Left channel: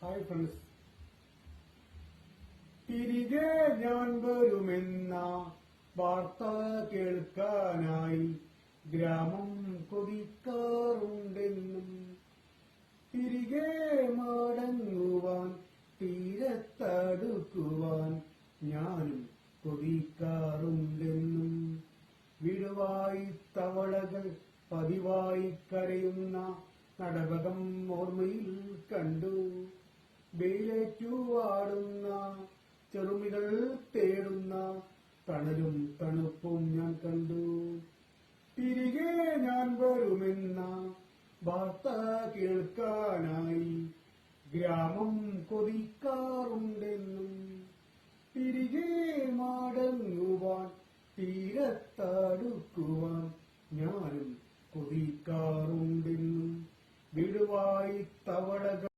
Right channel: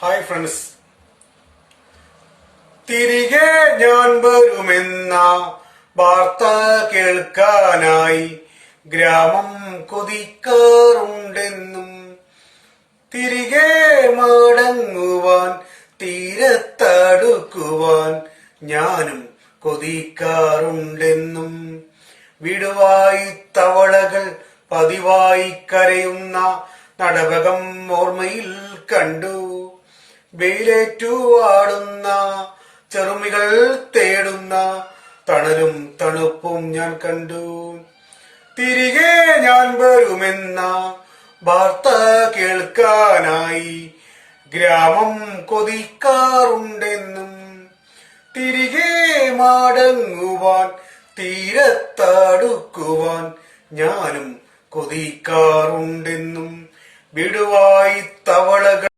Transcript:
Hi friends. തിരികെ ഞാൻ വരുമെന്ന വാർത്ത കേൾക്കാനായി ഗ്രാമം കൊതിക്കാറുണ്ടെന്നും തിരികെ മടങ്ങുവാൻ തീരത്തടുക്കുവാൻ ഞാനും കൊതിക്കാറുണ്ടെന്നും വിടുവായി തവളകൾ പതിവായി കരയുന്ന നടവകം ഓർമ്മയിൽ കണ്ടു. വെയിലേറ്റു ആടുന്ന ചെറുമികൾ തേടുന്ന തണലും തണുപ്പും ഞാൻ കണ്ടു. തിരികെ ഞാൻ വരുമെന്ന വാർത്ത കേൾക്കാനായി ഗ്രാമം കൊതിക്കാറുണ്ടെന്നും തിരികെ മടങ്ങുവാൻ തീരത്തടുക്കുവാൻ ഞാനും കൊതിക്കാറുണ്ടെന്നും വിടുവായി തവളകൾ